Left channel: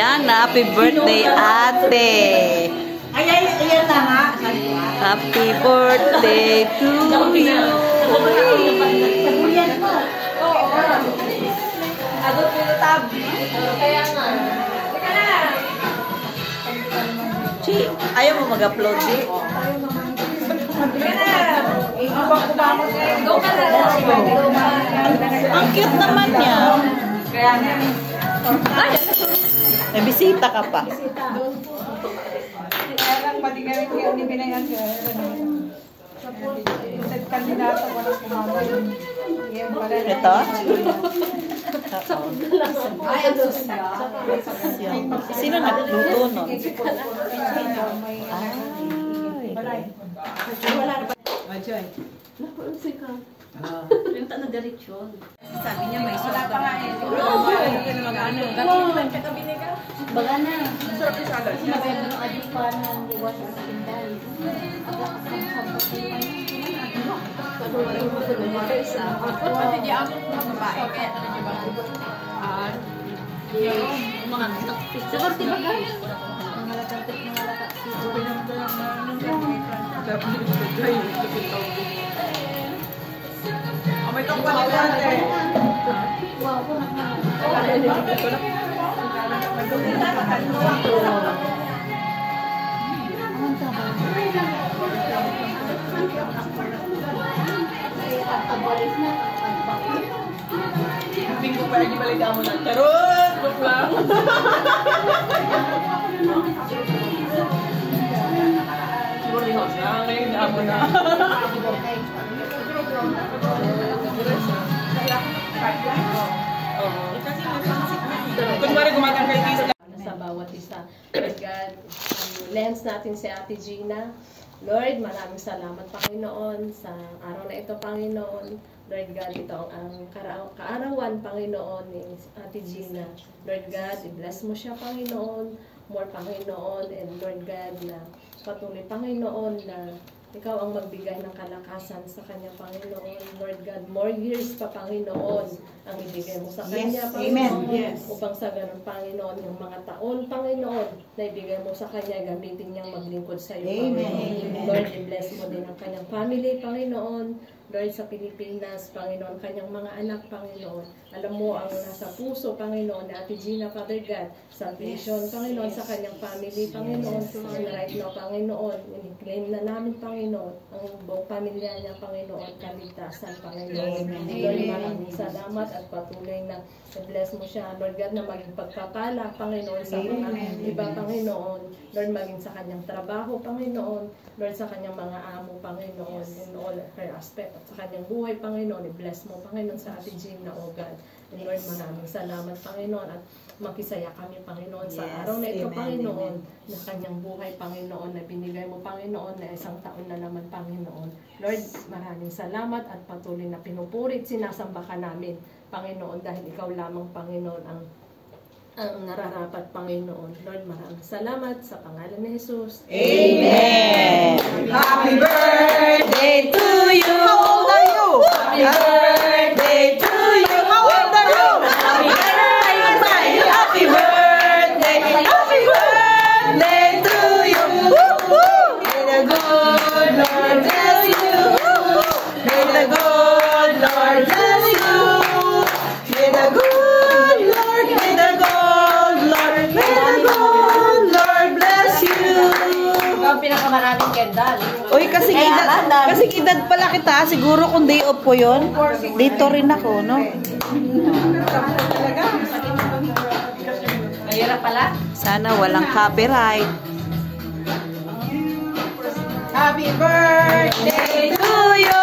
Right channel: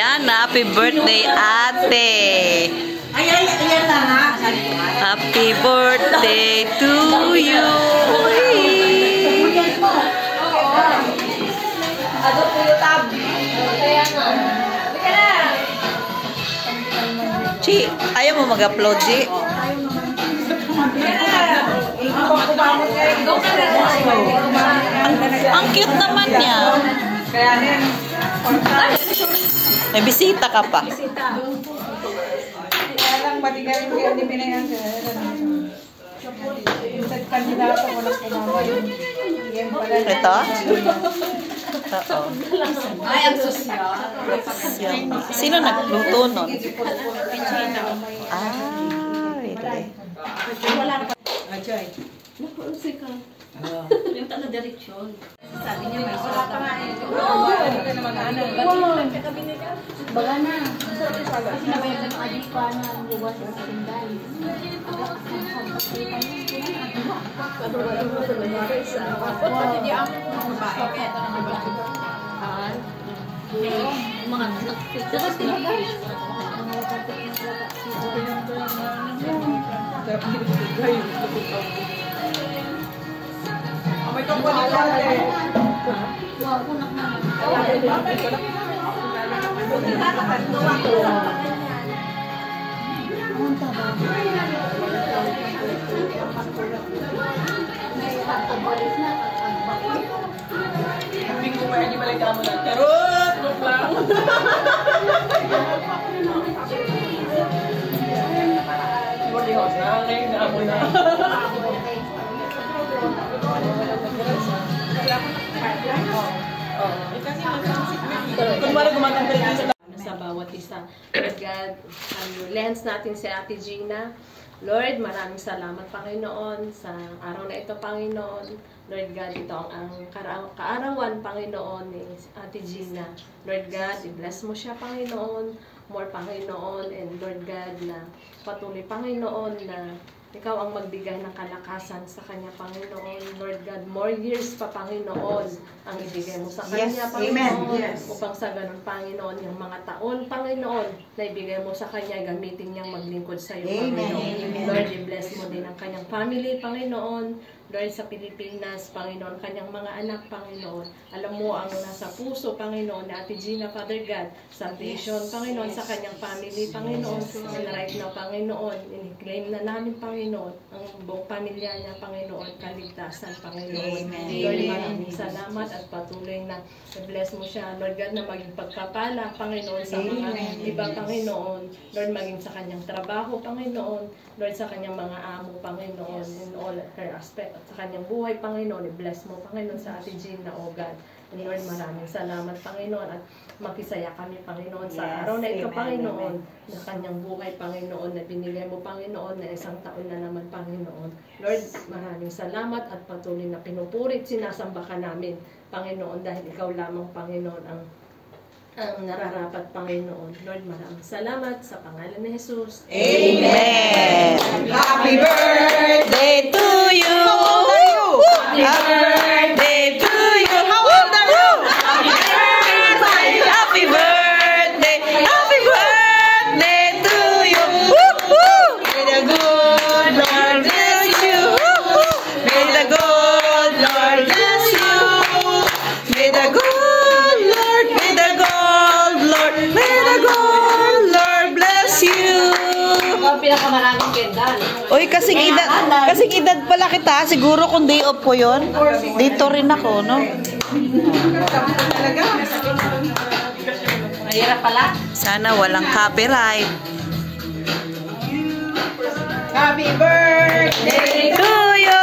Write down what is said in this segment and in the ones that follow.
Ayan, happy birthday, ate. Ayan na nga. Happy birthday to you. Agot ko yung tab. Kaya nga. Chi, ayaw mo mag-upload, Chi? Ang cute naman niya. May bisita ka pa. Ito? Oo. Ay, ang sosyo. Sino nagluto nun? Ah, Joy. Yung tala direksyon. Sabi niya may wala pa nga eh. Baga na. Sinabayan ka ng adik pa ng liwas sa sindal. Agak-asam-sam pa kayo pa May tungkol na lang eh. Bingo pa yung balik mo na. Charot! Look lang! Sa bawat isa. Lord God, lens natin si Ate Gina. Lord, maraming salamat, Panginoon, sa araw na ito, Panginoon. Lord God, ito ang kaarawan, Panginoon, ni Ate Gina. Lord God, i-bless mo siya, Panginoon. More, Panginoon, and Lord God, na patuloy, Panginoon, na ikaw ang magbigay ng kalakasan sa kanya, Panginoon. Lord God, more years pa, Panginoon, ang ibigay mo sa kanya, Panginoon. Yes. Upang sa ganun, Panginoon, yung mga taon, Panginoon, na ibigay mo sa kanya, gamitin niyang maglingkod sa iyo, Panginoon. Amen. Lord, i-bless mo din ang kanyang family, Panginoon. Lord, sa Pilipinas, Panginoon, kanyang mga anak, Panginoon. Alam mo ang nasa puso, Panginoon, na Ate Gina, Father God, salvation, Panginoon, sa kanyang family, Panginoon. And right now, Panginoon, in-claim na namin, Panginoon, ang buong pamilya niya, Panginoon, kaligtasan, Panginoon. Amen. Lord, maraming salamat at patuloy na bless mo siya, Lord God, na maging pagpapala, Panginoon, sa mga iba, Panginoon. Lord, maging sa kanyang trabaho, Panginoon. Lord, sa kanyang mga amo, Panginoon, in all her aspect, at sa kanyang buhay, Panginoon, i-bless mo, Panginoon, sa Ate Gina, O God. And Lord, maraming salamat, Panginoon, at makisaya kami, Panginoon, sa araw na ito, Panginoon, na kanyang buhay, Panginoon, na binigay mo, Panginoon, na isang taon na naman, Panginoon. Lord, maraming salamat at patuloy na pinupurit, sinasamba ka namin, Panginoon, dahil ikaw lamang, Panginoon, ang nararapat, Panginoon. Lord, maraming salamat sa pangalan ni Jesus. Amen. Happy birthday to you. Happy birthday to you. How old are you? Happy birthday. Happy birthday to you. May the good Lord bless you. May the good Lord bless you. May the good Lord, may the good Lord, may the good Lord bless you. Ang pinakamaraming kendal. Uy, kasing edad pala kita. Siguro kung day off ko yun, dito rin ako, no? Mahirap pala. Sana walang copyright. Happy birthday To you.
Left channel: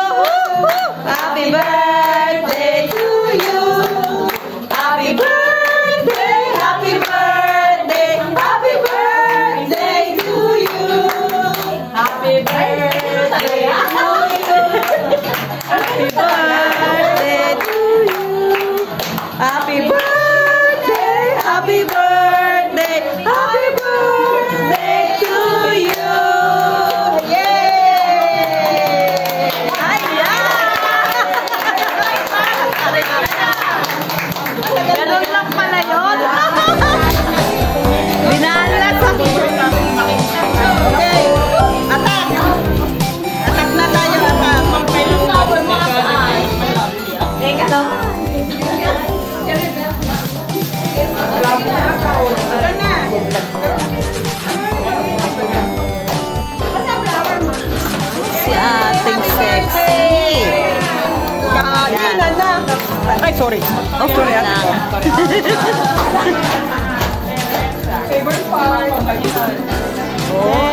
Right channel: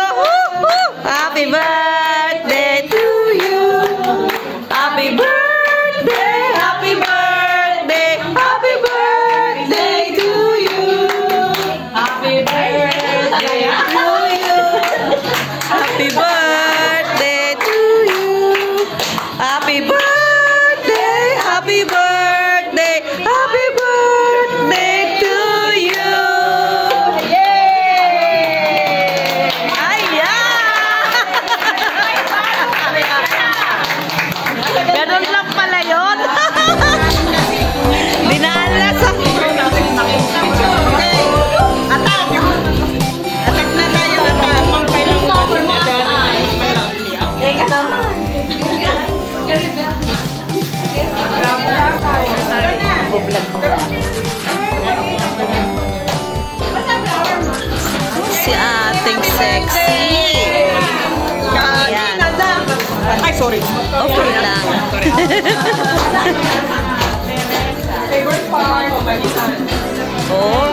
Happy birthday to you. Happy birthday. Happy birthday. Happy birthday to you. Happy birthday to you. Happy birthday to you. Happy birthday. Happy birthday. Happy birthday to you. Yay! Ganun lang pala yun. si ating sexy. Ayan. Ay, sorry. Okay lang. Favorite part. Oh.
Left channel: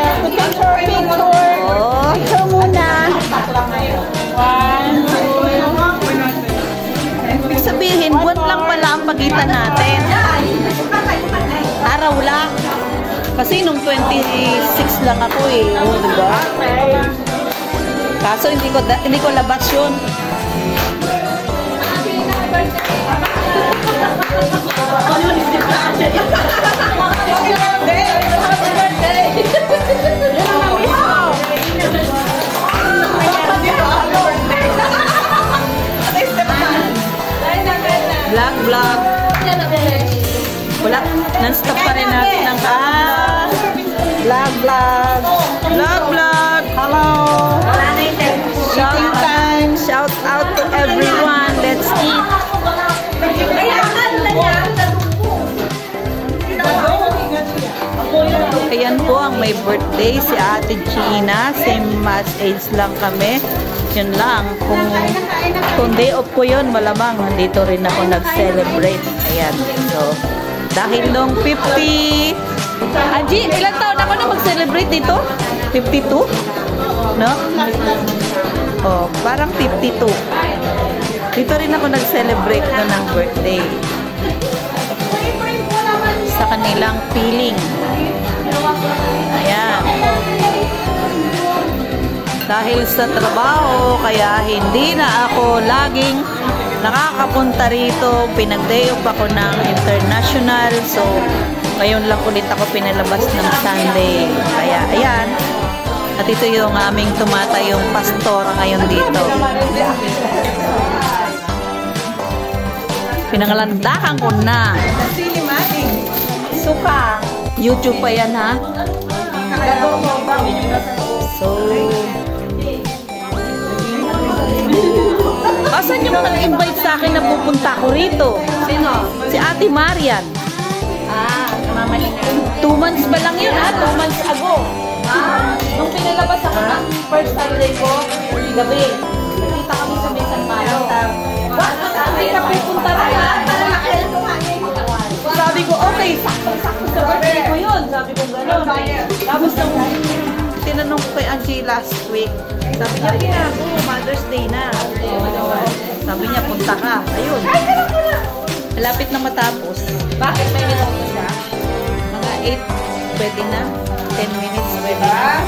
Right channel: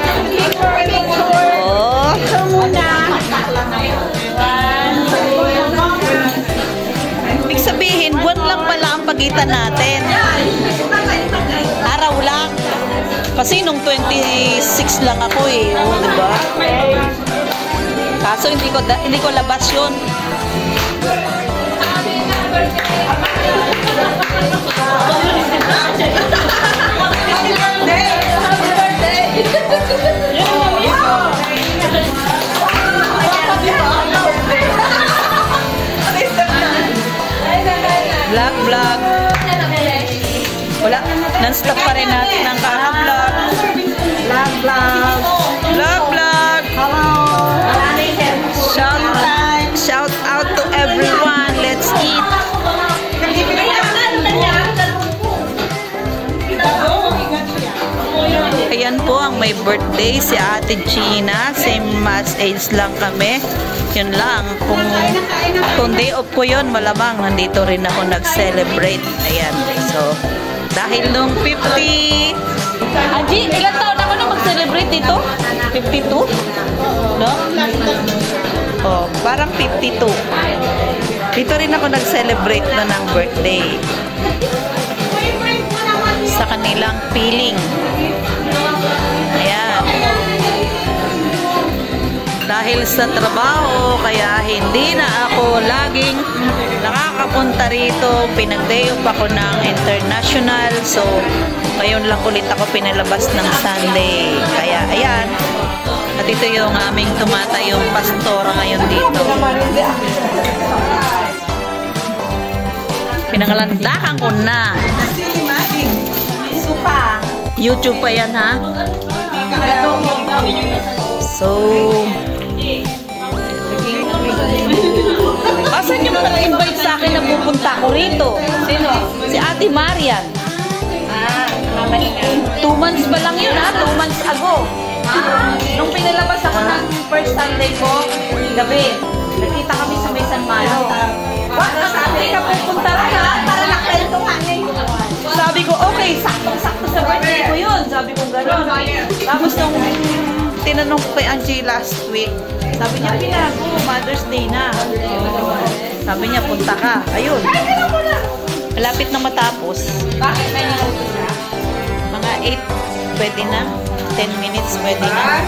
Oh. Ibig sabihin, buwan lang pala ang pagitan natin. Araw lang. Kasi nung 26 lang ako eh. Oh, diba? Kaso hindi ko labas yun. Vlog. Wala. Non-stop pa rin natin ang kaka-vlog. Vlog. Shout out to everyone. Let's eat. Ayan po ang may birthday si Ate Gina. Same match age lang kami. Yun lang. Kung day off ko yun, malamang nandito rin ako nag-celebrate. Ayan. So, dahil nung 50... Angie, ilang taon ako na mag-celebrate dito? 52? No? Oh, parang 52. Dito rin ako nag-celebrate no ng birthday. Sa kanilang piling. Ayan. Dahil sa trabaho, kaya hindi na ako laging nakakapunta rito. Pinag-day off ako ng international. So, ngayon lang ulit ako pinalabas ng Sunday. Kaya, ayan. At ito yung aming tumatayong pastora ngayon dito. Pinangalandakan ko na. YouTube pa yan, ha? So, asan yung nag-invite sa akin na pupunta ko rito? Sino? Si Ate Marian. Mama niya. 2 months pa lang yun, ha? 2 months ago. Nung pinalabas ako ng first Sunday ko, gabi, nakita kami sa may San Malo. Bakit hindi ka pupunta ka? Para nakailtungan eh. Sabi ko, okay, sakto-sakto sa birthday ko yun. Sabi ko gano'n. Tapos nung tinanong ko kay Angie last week, sabi niya, ginagawa, Mother's Day na. Sabi niya, punta ka. Ayun. Malapit na matapos. Bakit nangyari siya? Mga 8, pwede na. 10 minutes, pwede na.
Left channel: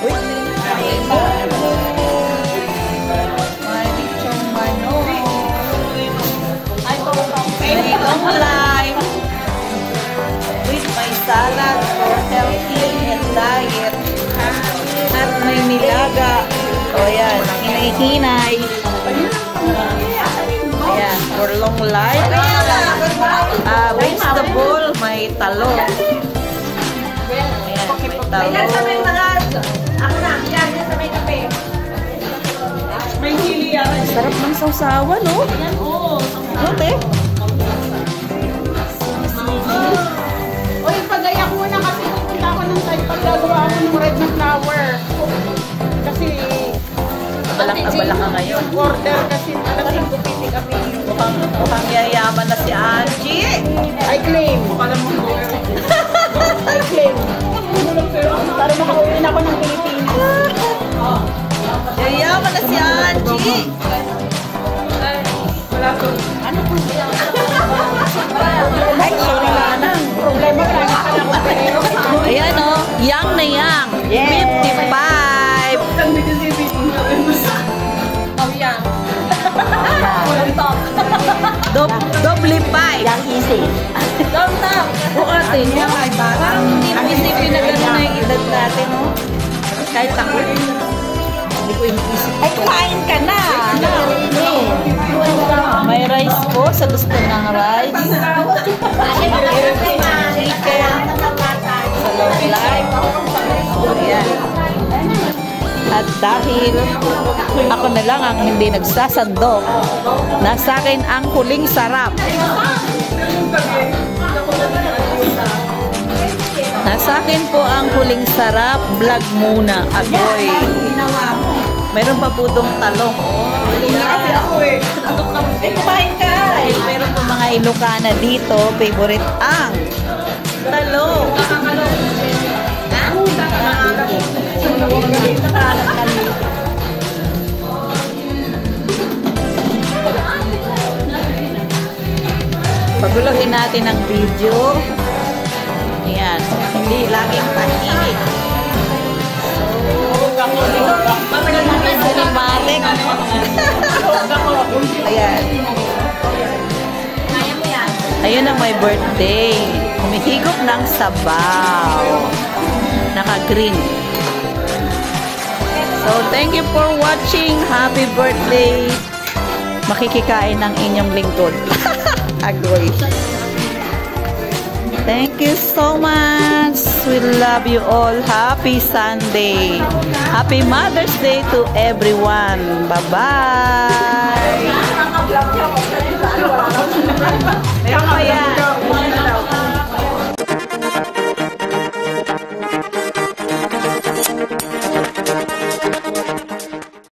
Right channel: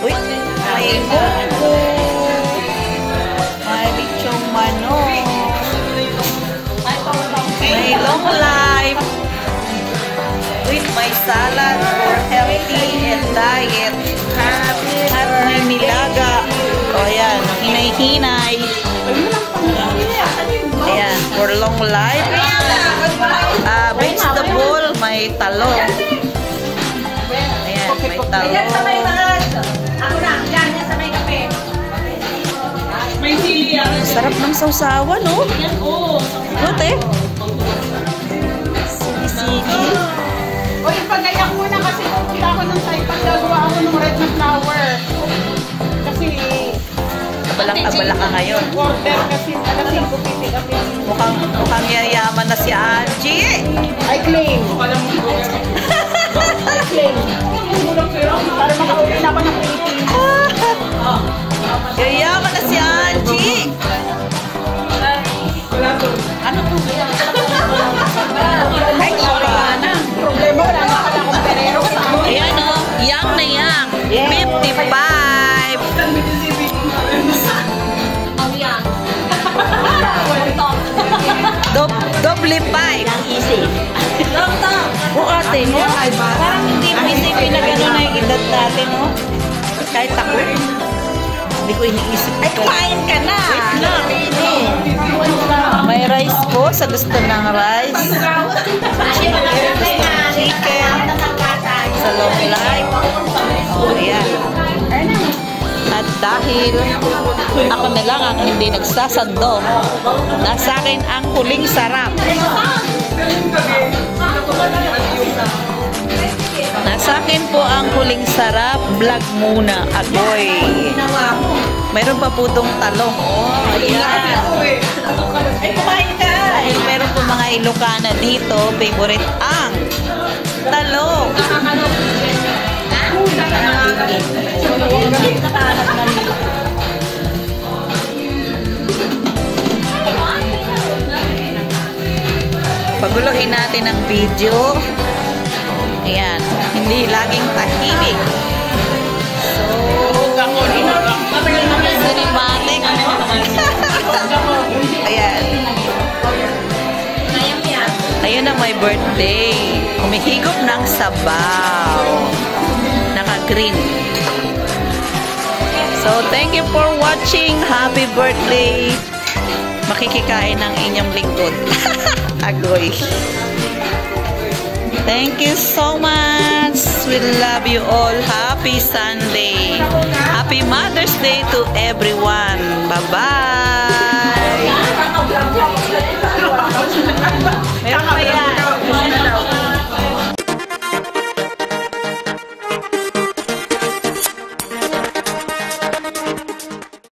Uy, may bichong manok. May long life. With my salad for healthy and diet. At may nilaga. O yan, ang hinay-hinay. Ayan, for long life. Vegetable, may talong. Ayan, may talong. Sarap ng sausawan, no? Lote. Sili-sili. Uy, pagayak muna kasi pupunta ako nung sa'yo. Paggagawa ako ng red na flower. Kasi, Abala ka ngayon. order kasi, talagang kupiti kasi. Mukhang yayaman na si Angie. I claim. I claim. Para makauwi na ako ng Pilipinas. Yayaman na si Angie. Ano po siya? Ay, sorry. Problema na. Ayan o, yang na yang. 55. Doble 5. O ate, no? Parang hindi mo isipin na gano'n na yung edad natin, no? Kahit ako. Hindi ko iniisip ito. Ay, kumain ka na. May rice po sa gusto ng rice. Chicken. Sa long life. O, ayan. At dahil ako na lang ang hindi nagsasandok, nasa akin ang huling sarap. Sa akin po ang huling sarap, vlog muna, agoy. Meron pa po itong talong. Ay, kumain ka! Meron po mga Ilocana dito, favorite ang talong. Paguluhin natin ang video. Ayan, hindi laging tahimik. Ayan. Ayan ang my birthday. Humihigop ng sabaw. Naka-green. So, thank you for watching. Happy birthday. Makikikain ng inyong lingkod. Agoy. Thank you so much. We love you all. Happy Sunday. Happy Mother's Day to everyone. Bye-bye.